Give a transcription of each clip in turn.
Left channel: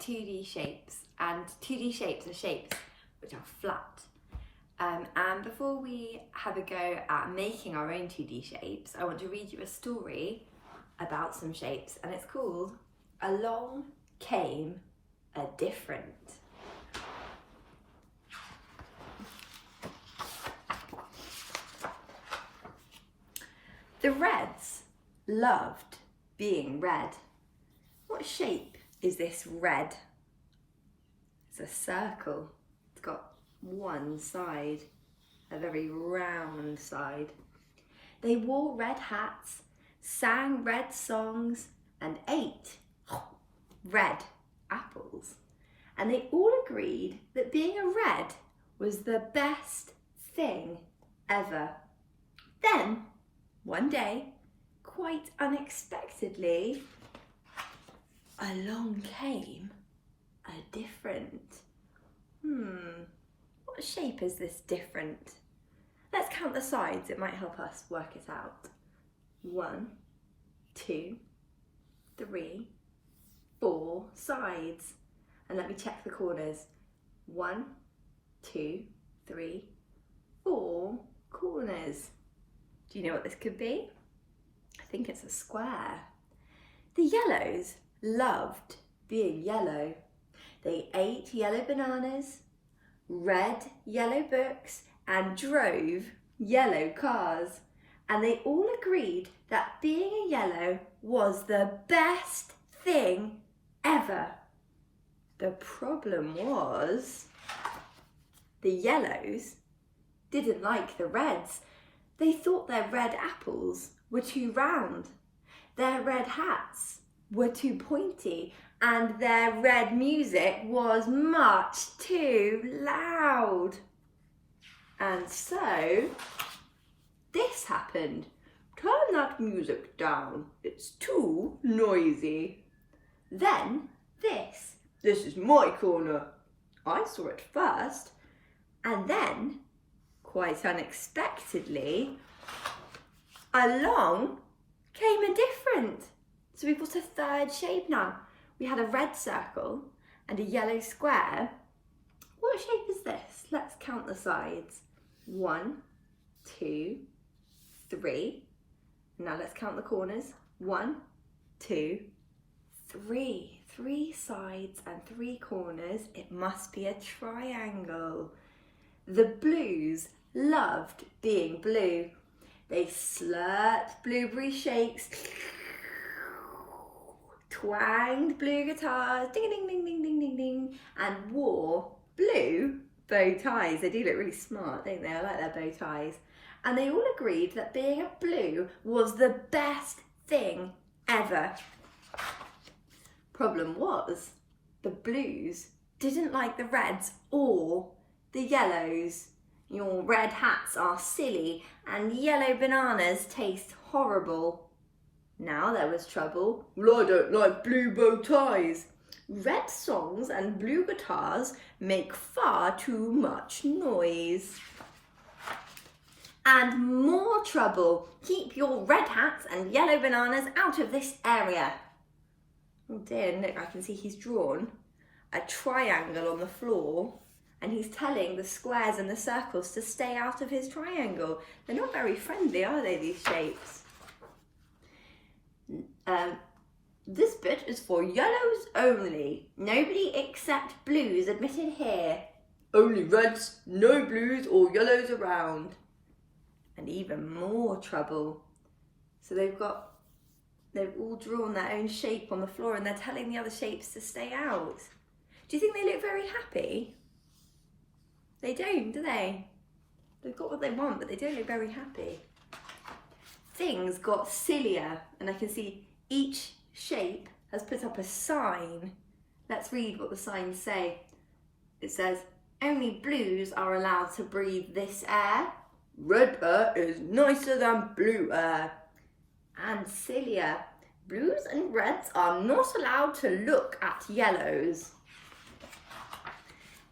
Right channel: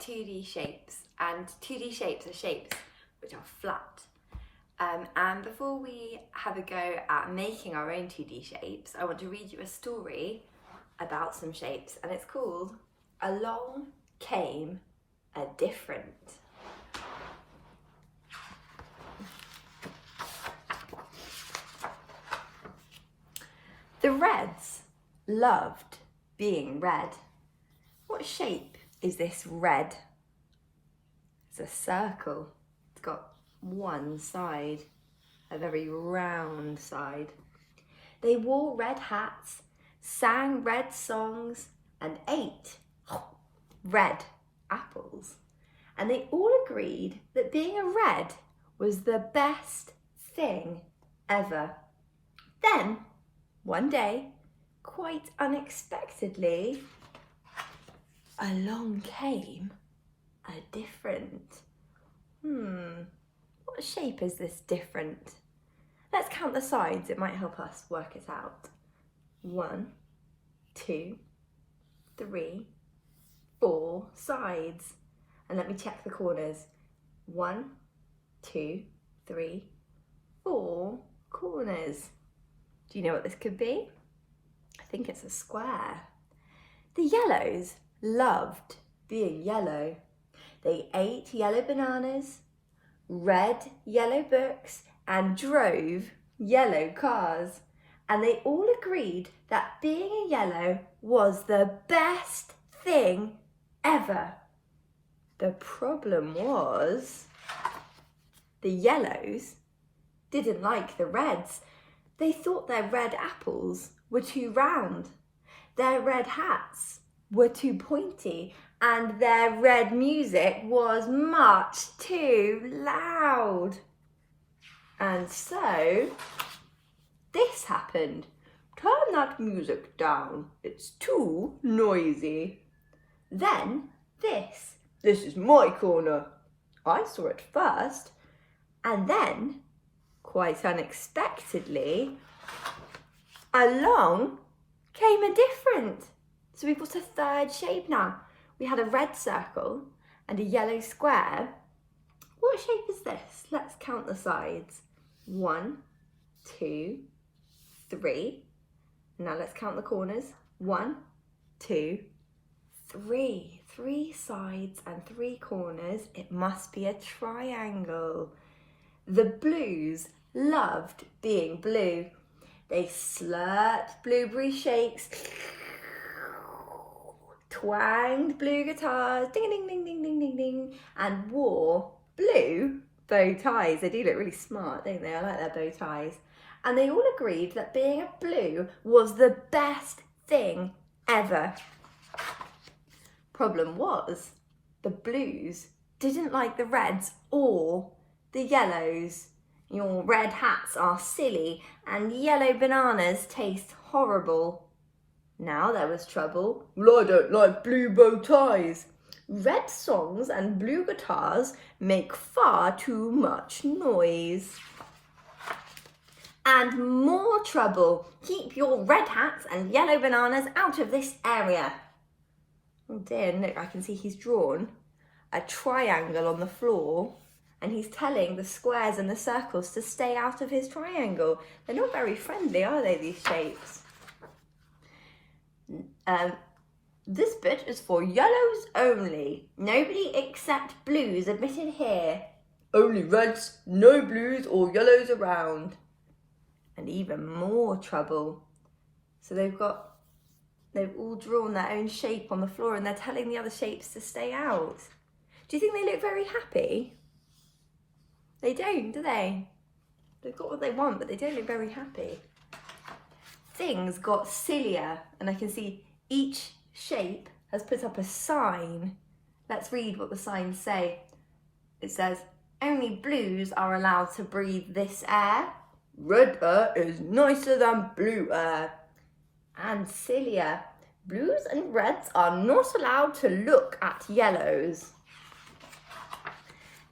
at 2D shapes, and 2D shapes are shapes which are flat. And before we have a go at making our own 2D shapes, I want to read you a story about some shapes, and it's called Along Came a Different. The Reds loved being red. What shape is this red? It's a circle. It's got one side, a very round side. They wore red hats, sang red songs, and ate red apples. And they all agreed that being a red was the best thing ever. Then, one day, quite unexpectedly, along came a different. What shape is this different? Let's count the sides, it might help us work it out. 1, 2, 3, 4 sides. And let me check the corners. 1, 2, 3, 4 corners. Do you know what this could be? I think it's a square. The yellows loved being yellow. They ate yellow bananas, read yellow books, and drove yellow cars. And they all agreed that being a yellow was the best thing ever. The problem was the yellows didn't like the reds. They thought their red apples were too round, their red hats were too pointy, and their red music was much too loud. And so this happened. Turn that music down, it's too noisy. Then this is my corner. I saw it first, and then, quite unexpectedly, along came a different. So we've got a third shape now. We had a red circle and a yellow square. What shape is this? Let's count the sides. 1, 2, 3. Now let's count the corners. 1, 2, 3. 3 sides and 3 corners. It must be a triangle. The blues loved being blue. They slurped blueberry shakes, twanged blue guitars, ding ding ding ding ding ding ding, and wore blue bow ties. They do look really smart, don't they? I like their bow ties. And they all agreed that being a blue was the best thing ever. Problem was, the blues didn't like the reds or the yellows. Your red hats are silly and yellow bananas taste horrible. Now there was trouble. Well, I don't like blue bow ties. Red songs and blue guitars make far too much noise. And more trouble. Keep your red hats and yellow bananas out of this area. Oh dear, look, I can see he's drawn a triangle on the floor, and he's telling the squares and the circles to stay out of his triangle. They're not very friendly, are they, these shapes? This bit is for yellows only. Nobody except blues admitted here. Only reds, no blues or yellows around. And even more trouble. So they've all drawn their own shape on the floor, and they're telling the other shapes to stay out. Do you think they look very happy? They don't, do they? They've got what they want, but they don't look very happy. Things got sillier, and I can see each shape has put up a sign. Let's read what the signs say. It says, only blues are allowed to breathe this air. Red air is nicer than blue air. And sillier, blues and reds are not allowed to look at yellows.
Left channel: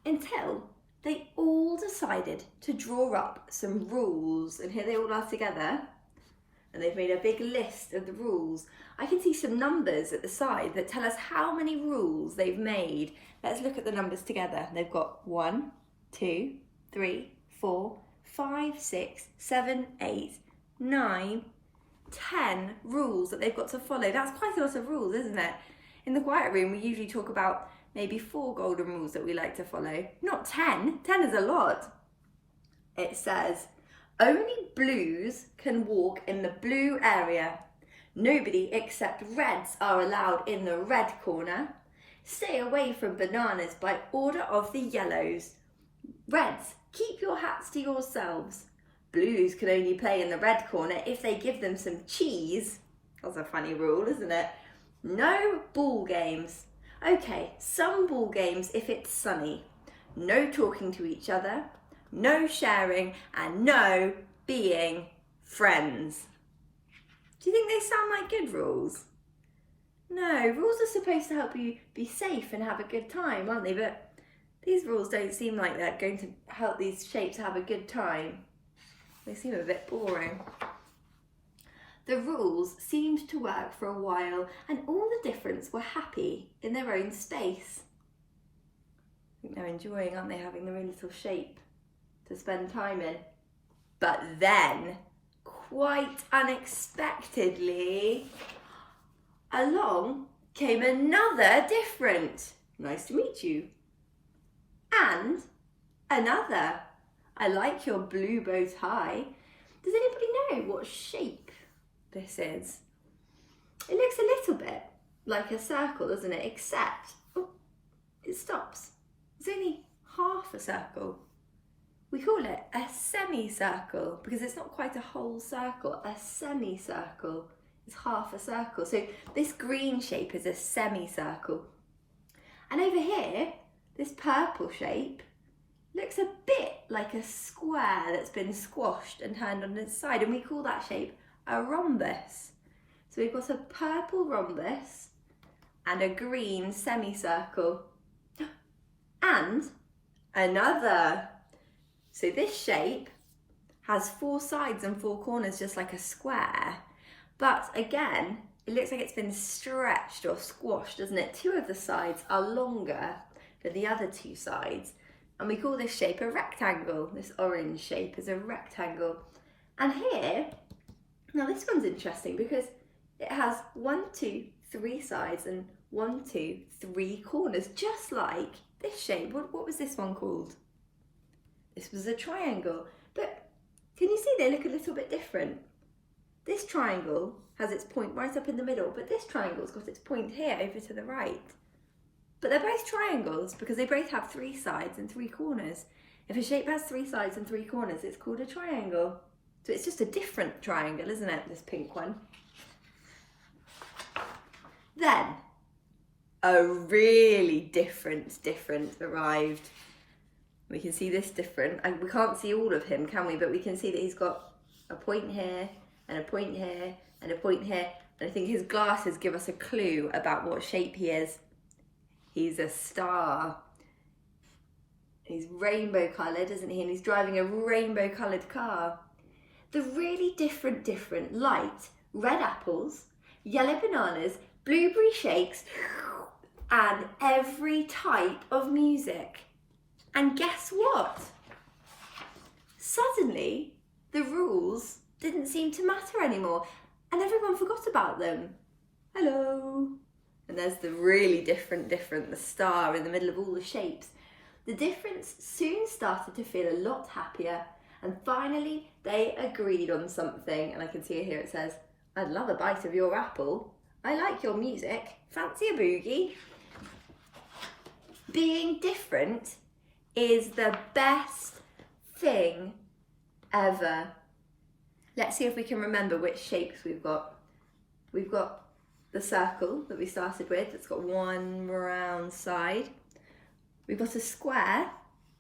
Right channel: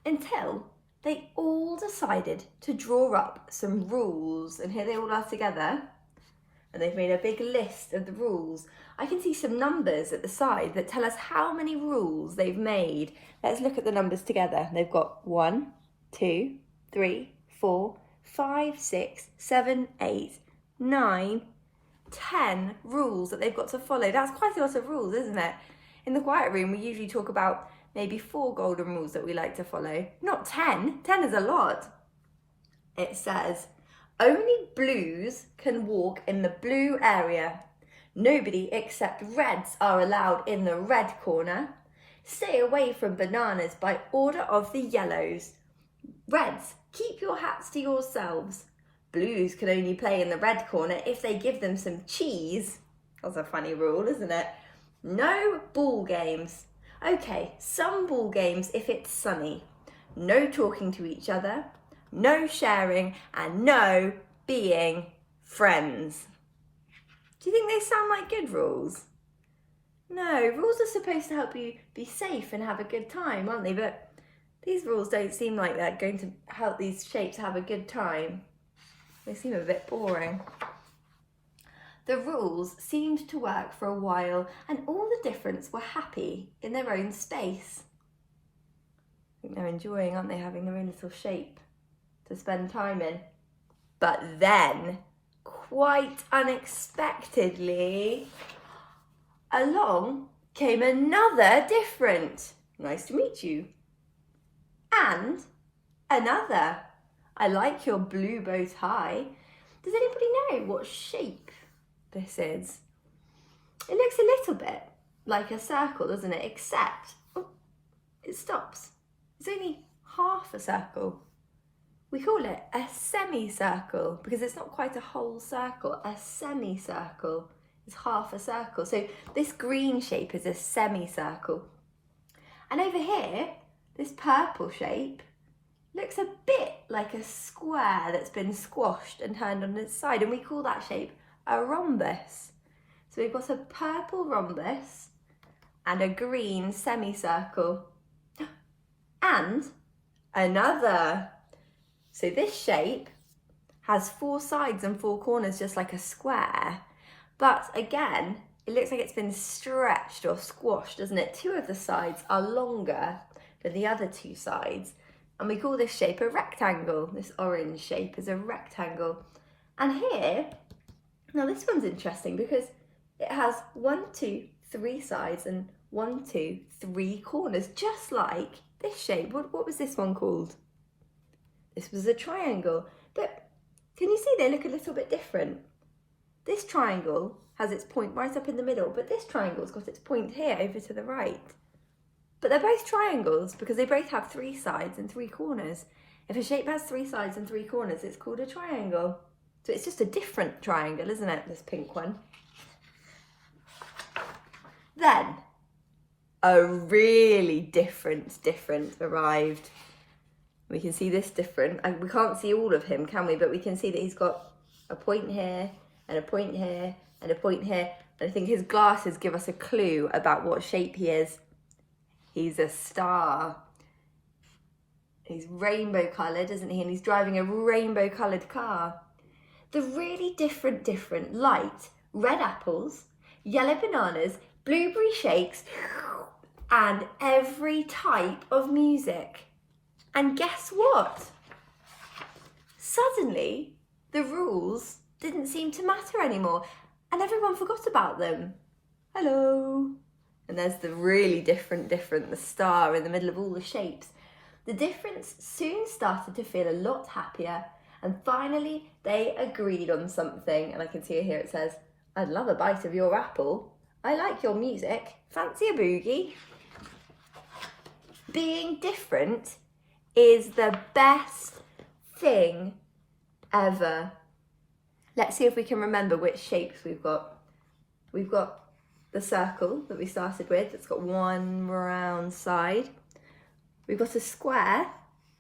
Until they all decided to draw up some rules, and here they all are together, and they've made a big list of the rules. I can see some numbers at the side that tell us how many rules they've made. Let's look at the numbers together. They've got 1, 2, 3, 4, 5, 6, 7, 8, 9, 10 rules that they've got to follow. That's quite a lot of rules, isn't it? In the quiet room, we usually talk about maybe 4 golden rules that we like to follow. Not 10. 10 is a lot. It says, only blues can walk in the blue area. Nobody except reds are allowed in the red corner. Stay away from bananas by order of the yellows. Reds, keep your hats to yourselves. Blues can only play in the red corner if they give them some cheese. That's a funny rule, isn't it? No ball games. Okay, some ball games if it's sunny. No talking to each other. No sharing, and no being friends. Do you think they sound like good rules? No, rules are supposed to help you be safe and have a good time, aren't they? But these rules don't seem like they're going to help these shapes have a good time. They seem a bit boring. The rules seemed to work for a while, and all the differents were happy in their own space. I think they're enjoying, aren't they, having their own little shape to spend time in. But then, quite unexpectedly, along came another different. Nice to meet you. And another. I like your blue bow tie. Does anybody know what shape this is? It looks a little bit like a circle, doesn't it? Except, oh, it stops. It's only half a circle. We call it a semicircle because it's not quite a whole circle. A semicircle is half a circle. So this green shape is a semicircle. And over here, this purple shape looks a bit like a square that's been squashed and turned on its side. And we call that shape a rhombus. So we've got a purple rhombus and a green semicircle. And another. So this shape has 4 sides and 4 corners, just like a square. But again, it looks like it's been stretched or squashed, doesn't it? 2 of the sides are longer than the other 2 sides. And we call this shape a rectangle. This orange shape is a rectangle. And here, now this one's interesting because it has 1, 2, 3 sides and 1, 2, 3 corners, just like this shape. What was this one called? This was a triangle. But can you see they look a little bit different? This triangle has its point right up in the middle, but this triangle's got its point here over to the right. But they're both triangles because they both have 3 sides and 3 corners. If a shape has 3 sides and 3 corners, it's called a triangle. So it's just a different triangle, isn't it, this pink one? Then, a really different arrived. We can see this different, and we can't see all of him, can we? But we can see that he's got a point here, and a point here, and a point here. And I think his glasses give us a clue about what shape he is. He's a star. He's rainbow coloured, isn't he? And he's driving a rainbow coloured car. The really different light red apples, yellow bananas, blueberry shakes, and every type of music. And guess what? Suddenly, the rules didn't seem to matter anymore, and everyone forgot about them. Hello. And there's the really different, the star in the middle of all the shapes. The difference soon started to feel a lot happier, and finally they agreed on something. And I can see here it says, I'd love a bite of your apple. I like your music. Fancy a boogie? Being different is the best thing ever. Let's see if we can remember which shapes we've got. We've got the circle that we started with. It's got 1 round side. We've got a square.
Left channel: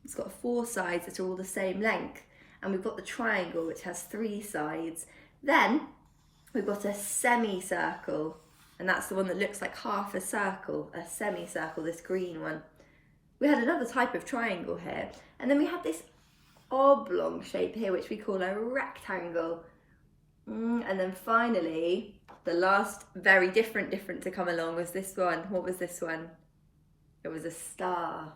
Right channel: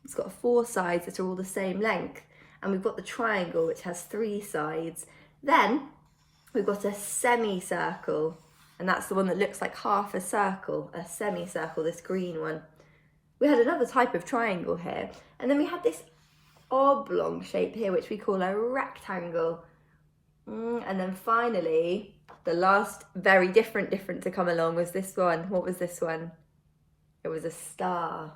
It's got 4 sides that are all the same length. And we've got the triangle, which has 3 sides. Then we've got a semicircle. And that's the one that looks like half a circle, a semicircle, this green one. We had another type of triangle here. And then we had this oblong shape here, which we call a rectangle. And then finally, the last very different to come along was this one. What was this one? It was a star.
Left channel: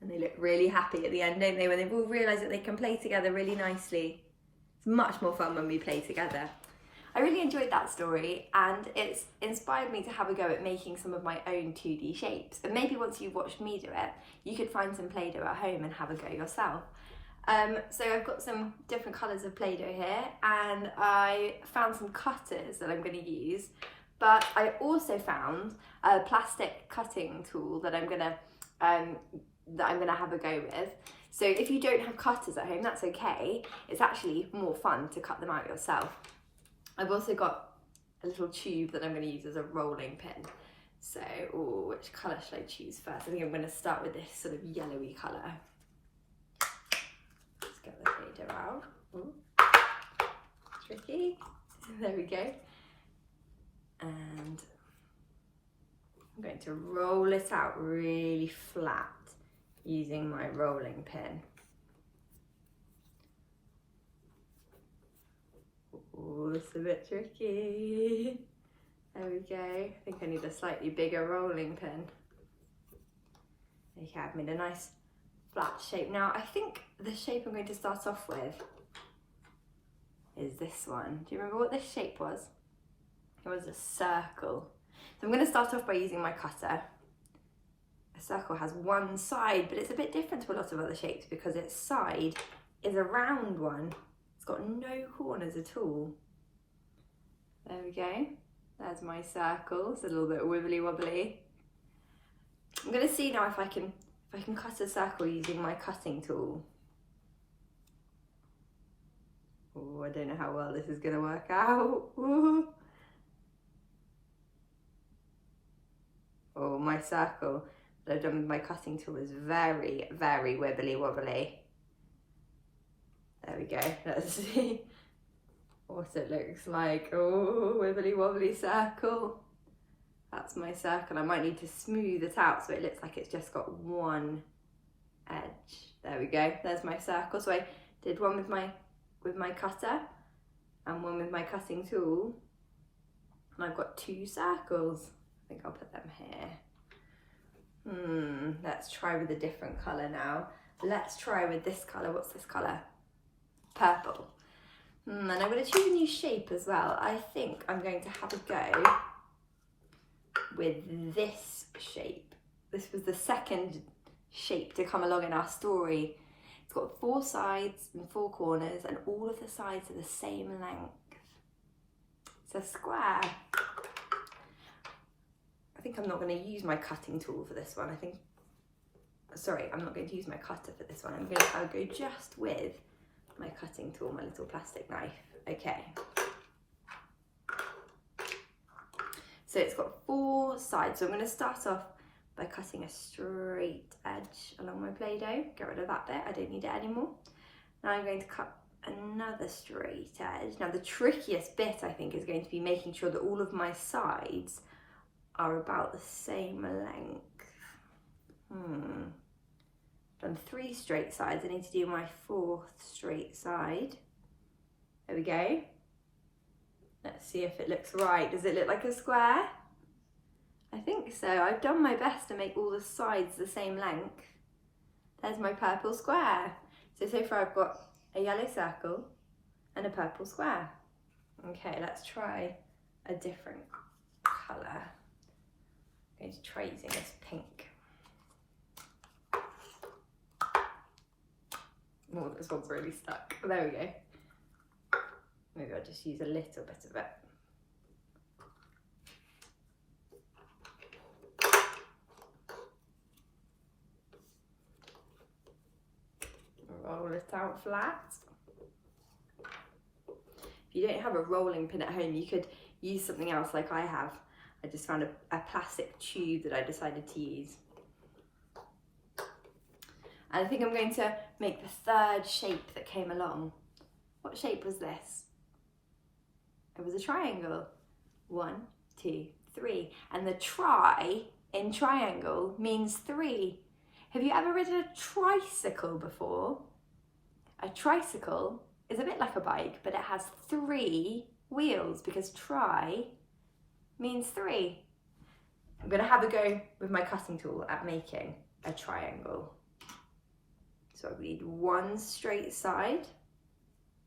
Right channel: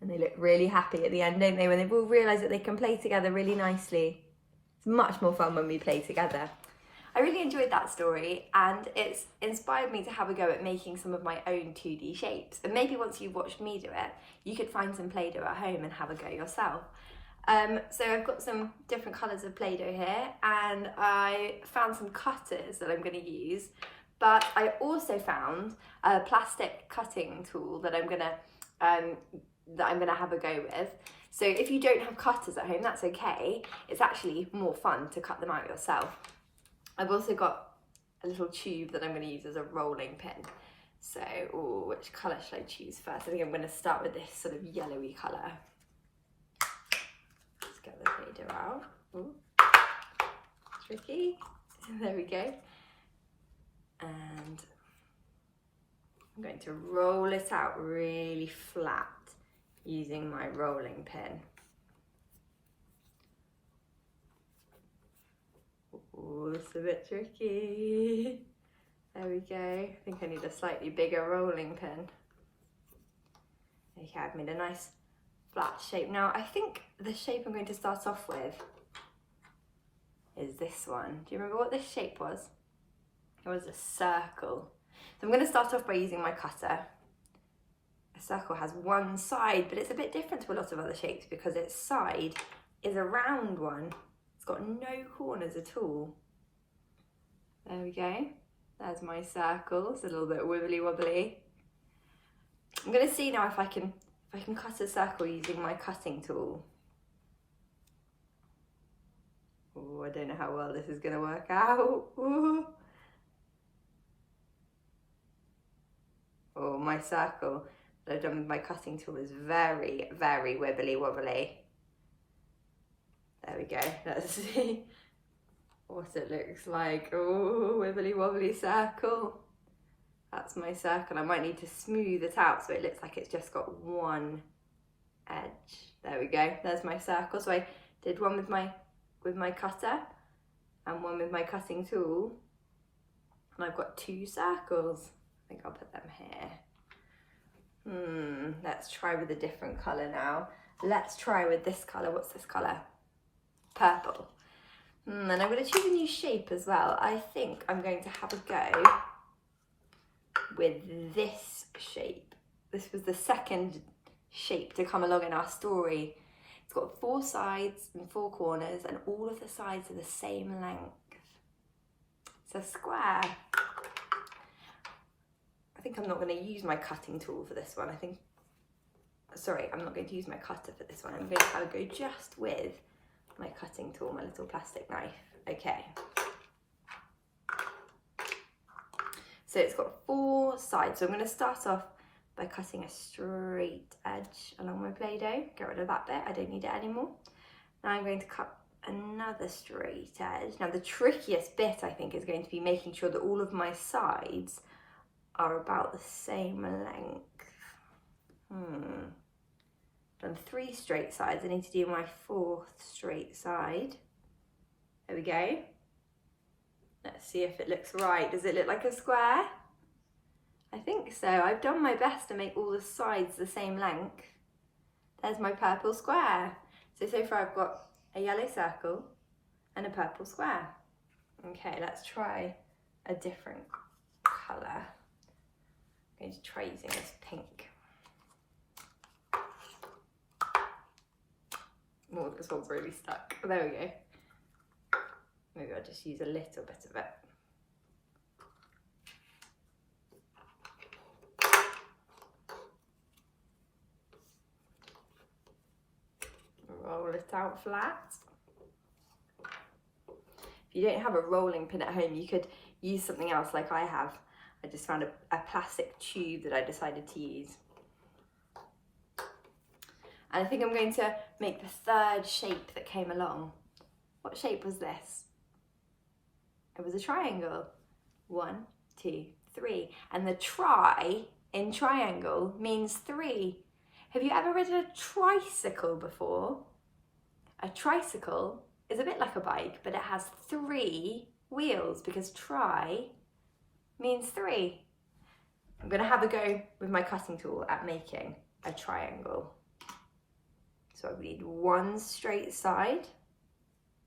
And they look really happy at the end, don't they? When they've all realised that they can play together really nicely. It's much more fun when we play together. I really enjoyed that story, and it's inspired me to have a go at making some of my own 2D shapes. And maybe once you've watched me do it, you could find some Play-Doh at home and have a go yourself. So I've got some different colours of Play-Doh here, and I found some cutters that I'm going to use, but I also found a plastic cutting tool that I'm going to have a go with. So if you don't have cutters at home, that's okay. It's actually more fun to cut them out yourself. I've also got a little tube that I'm going to use as a rolling pin. So, which colour should I choose first? I think I'm going to start with this sort of yellowy colour. Let's get the Play-Doh out. Ooh, tricky. There we go. And I'm going to roll it out really flat using my rolling pin. Oh, it's a bit tricky. There we go. I think I need a slightly bigger rolling pin. Okay, I've made a nice flat shape. Now, I think the shape I'm going to start off with is this one. Do you remember what this shape was? It was a circle. So I'm going to start off by using my cutter. A circle has one side, but it's a bit different to a lot of other shapes because its side is a round one. It's got no corners at all. There we go. There's my circle. It's a little bit wibbly wobbly. I'm going to see now if I can cut a circle using my cutting tool. Oh, I don't know how well this is going to work out. Ooh. Oh, my circle that I've done with my cutting tool is very, very wibbly wobbly. There we go. Let's see what it looks like. Oh, wibbly wobbly circle. That's my circle. I might need to smooth it out so it looks like it's just got one edge. There we go. There's my circle. So I did one with my cutter and one with my cutting tool, and I've got two circles. I think I'll put them here. Let's try with a different colour now. Let's try with this colour. What's this colour? Purple. And I'm going to choose a new shape as well. I think I'm going to have a go with this shape. This was the second shape to come along in our story. It's got 4 sides and 4 corners, and all of the sides are the same length. It's a square. I think I'm not going to use my cutting tool for this one. I'm not going to use my cutter for this one. I'm going to have a go just with my cutting tool, my little plastic knife. Okay. So it's got 4 sides. So I'm going to start off by cutting a straight edge along my Play-Doh. Get rid of that bit. I don't need it anymore. Now I'm going to cut another straight edge. Now the trickiest bit, I think, is going to be making sure that all of my sides are about the same length. Done 3 straight sides. I need to do my 4th straight side. There we go. Let's see if it looks right. Does it look like a square? I think so. I've done my best to make all the sides the same length. There's my purple square. So far I've got a yellow circle and a purple square. Okay, let's try a different colour. I'm going to try using this pink. Oh, this one's really stuck. There we go. Maybe I'll just use a little bit of it. Roll it out flat. If you don't have a rolling pin at home, you could use something else like I have. I just found a plastic tube that I decided to use. And I think I'm going to make the 3rd shape that came along. What shape was this? It was a triangle. 1, 2, 3. And the tri in triangle means 3. Have you ever ridden a tricycle before? A tricycle is a bit like a bike, but it has 3 wheels because tri means 3. I'm going to have a go with my cutting tool at making a triangle. So I need 1 straight side.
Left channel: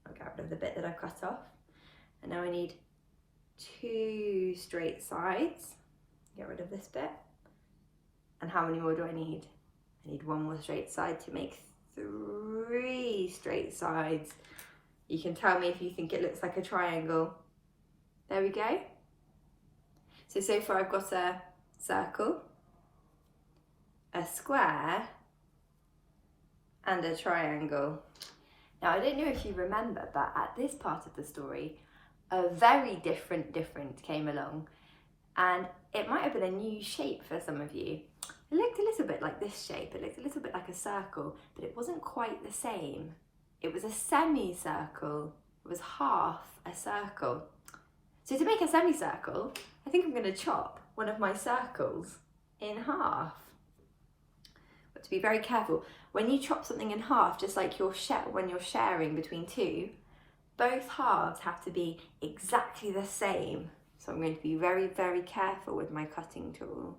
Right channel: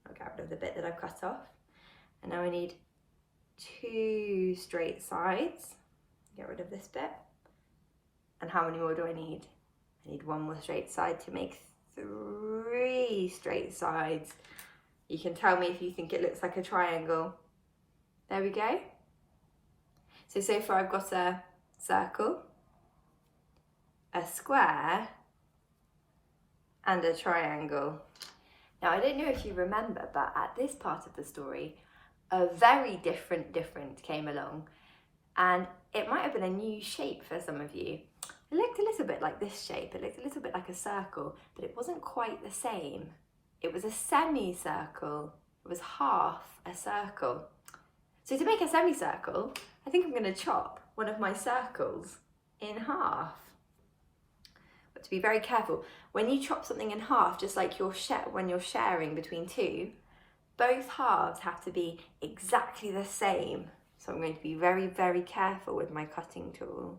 I'll get rid of the bit that I've cut off. And now I need 2 straight sides. Get rid of this bit. And how many more do I need? I need 1 more straight side to make 3 straight sides. You can tell me if you think it looks like a triangle. There we go. So far I've got a circle, a square, and a triangle. Now I don't know if you remember, but at this part of the story, a very different came along, and it might have been a new shape for some of you. It looked a little bit like this shape. It looked a little bit like a circle, but it wasn't quite the same. It was a semicircle. It was half a circle. So to make a semicircle, I think I'm going to chop one of my circles in half. But to be very careful, when you chop something in half, just like when you're sharing between 2, both halves have to be exactly the same. So I'm going to be very, very careful with my cutting tool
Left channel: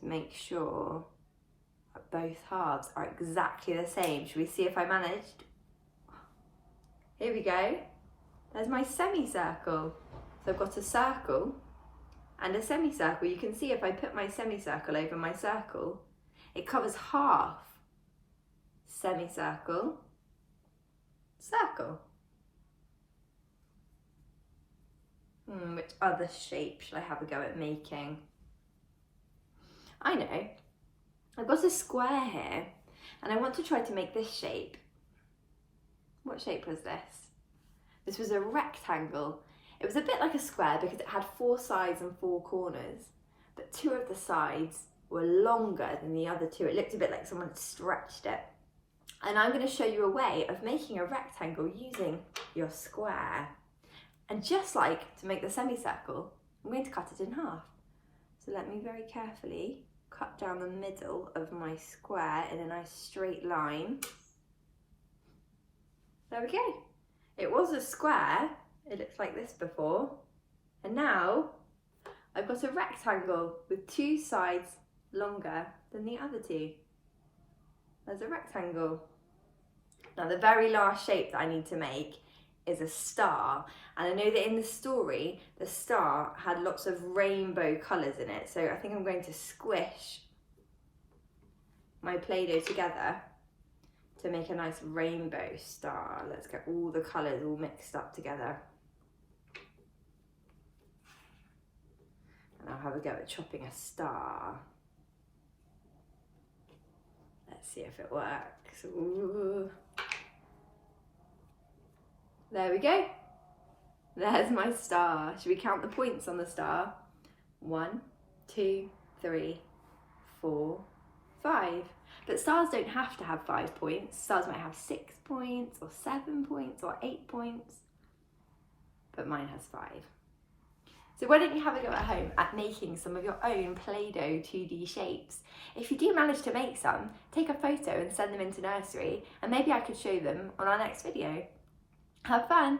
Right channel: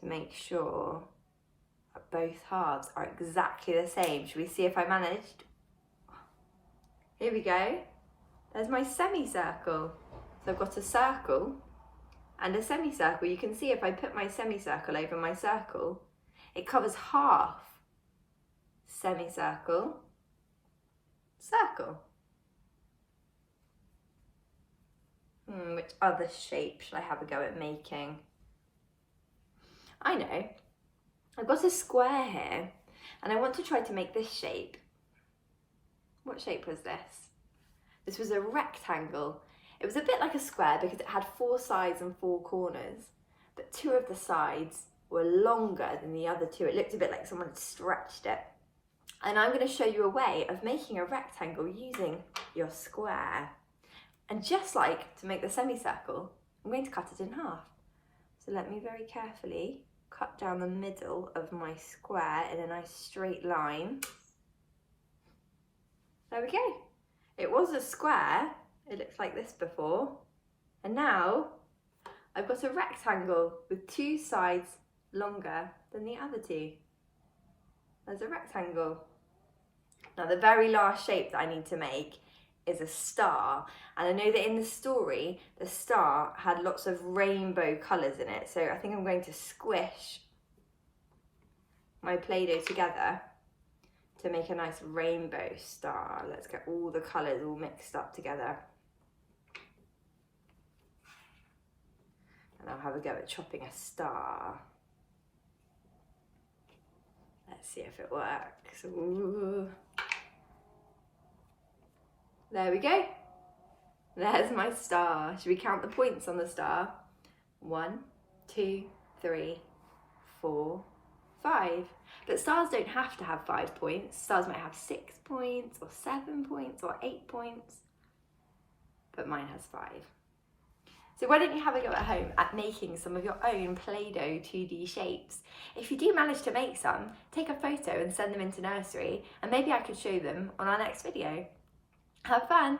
to make sure that both halves are exactly the same. Should we see if I managed? Here we go. There's my semicircle. So I've got a circle and a semicircle. You can see if I put my semicircle over my circle, it covers half. Semicircle, circle. Which other shape should I have a go at making? I know. I've got a square here and I want to try to make this shape. What shape was this? This was a rectangle. It was a bit like a square because it had 4 sides and 4 corners, but 2 of the sides were longer than the other 2. It looked a bit like someone had stretched it. And I'm going to show you a way of making a rectangle using your square. And just like to make the semicircle, I'm going to cut it in half. So let me very carefully cut down the middle of my square in a nice straight line. There we go. It was a square. It looks like this before. And now I've got a rectangle with 2 sides longer than the other 2. There's a rectangle. Now the very last shape that I need to make is a star. And I know that in the story, the star had lots of rainbow colours in it. So I think I'm going to squish my Play-Doh together to make a nice rainbow star. Let's get all the colours all mixed up together. And I'll have a go at chopping a star. Let's see if it works. Ooh. There we go. There's my star. Should we count the points on the star? 1, 2, 3, 4, 5. But stars don't have to have 5 points. Stars might have 6 points or 7 points or 8 points. But mine has 5. So why don't you have a go at home at making some of your own Play-Doh 2D shapes? If you do manage to make some, take a photo and send them into nursery, and maybe I could show them on our next video. Have fun!